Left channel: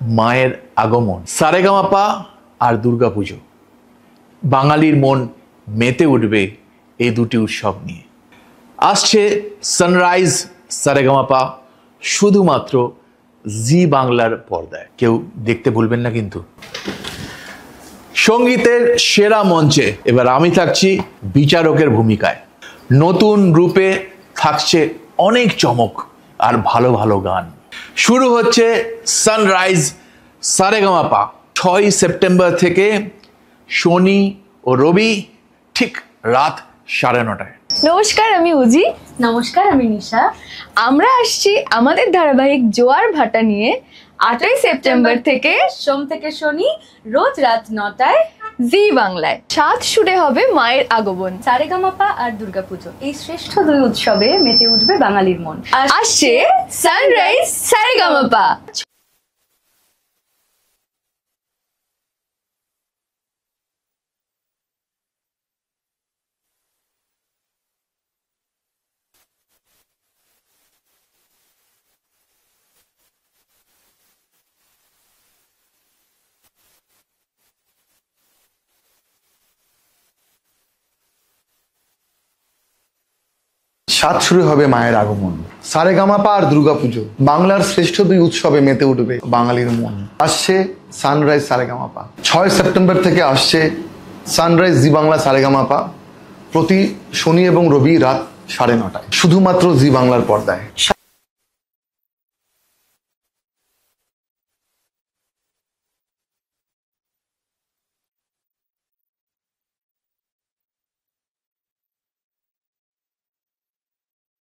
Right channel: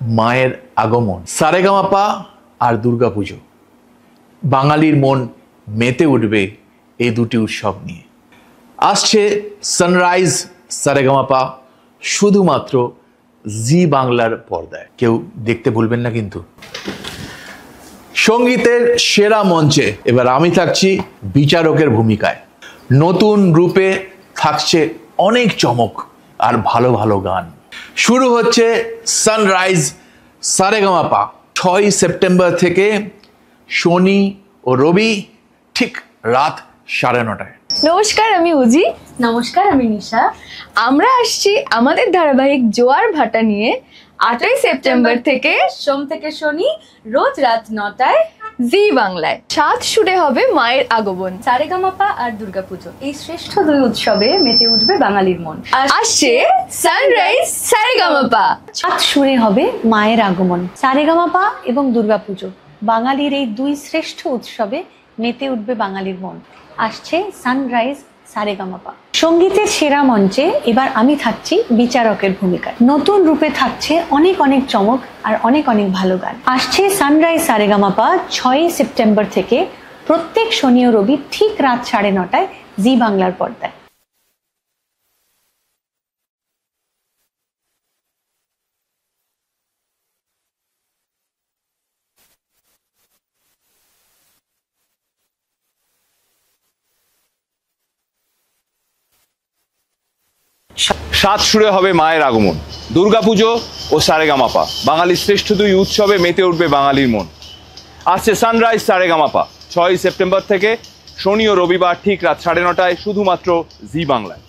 মায়ের আগমন, সারেগামাপা আর দুর্গাপুজো। বাঙালির মন মেতে উঠবে এই দুটি উৎসব নিয়ে। আসছে সানরাইজ সারেগামাপা শুধুমাত্র জি বাংলার পর্দায়। কেউ দেখতে ভুলবেন না কিন্তু। সঙ্গীতের সেরা মঞ্চে এবার আমি থাকছি বিচারকের ভূমিকায়। নতুন রূপে থাকছে অনেক চমক আর ভালো ভালো গান। শুরু হচ্ছে সানরাইজ সারেগামাপা 6 সেপ্টেম্বর থেকে শনি ও রবি ঠিক রাত 9:30টায়। নমস্কার, আমি উজি। নমস্কার, আমি নিশা। আমরা আসছি আমাদের ধারাবাহিক জোয়ার ভাটা নিয়ে 8ই সেপ্টেম্বর থেকে সোম থেকে শনি রোজ রাত 9টায় জি বাংলায়। 7 সুরে হবে মায়ের আগমন। সারেগামাপা আর দুর্গাপুজো, এই শ্রেষ্ঠ দুই উৎসবে মেতে উঠবে বাঙালির মন। আসছে সানরাইজ সারেগামাপা। 7 সুরে হবে মায়ের আগমন। সারেগামাপা এবং দুর্গাপুজো, বাঙালির এই দুই শ্রেষ্ঠ উৎসবে মেতে উঠবে বাঙালির মন। আসছে সানরাইজ সারেগামাপা। সঙ্গীতের সেরা মঞ্চে এবার আমি থাকছি বিচারকের ভূমিকায়। নতুন রূপে থাকছে অনেক অনেক চমক আর অনেক অনেক ভালো গান। আসছে সানরাইজ সারেগামাপা 6 সেপ্টেম্বর থেকে প্রত্যেক শনি ও রবি ঠিক রাত 9:30টায় জি বাংলার পর্দায়। 7 শুরু হবে মায়ের আগমন। সারেগামাপা আর দুর্গাপুজো, বাংলার শ্রেষ্ঠ দুই উৎসবে মেতে উঠবে বাঙালির মন। আসছে সানরাইজ সারেগামাপা 6 সেপ্টেম্বর থেকে। আসছে সানরাইজ জি বাংলা সারেগামাপা প্রতি শনি এবং রবি রাত 9:30টায়, শুধুমাত্র জি বাংলার পর্দায়। 7 সুরে হবে মায়ের আগমন। দুর্গাপুজো ও সারেগামাপা, বাঙালির শ্রেষ্ঠ দুই উৎসবে মেতে উঠবে বাঙালির মন। আসছে সানরাইজ সারেগামাপা 6 সেপ্টেম্বর থেকে শনি ও রবিবার ঠিক রাত 9:30টায়, শুধুমাত্র জি বাংলায়।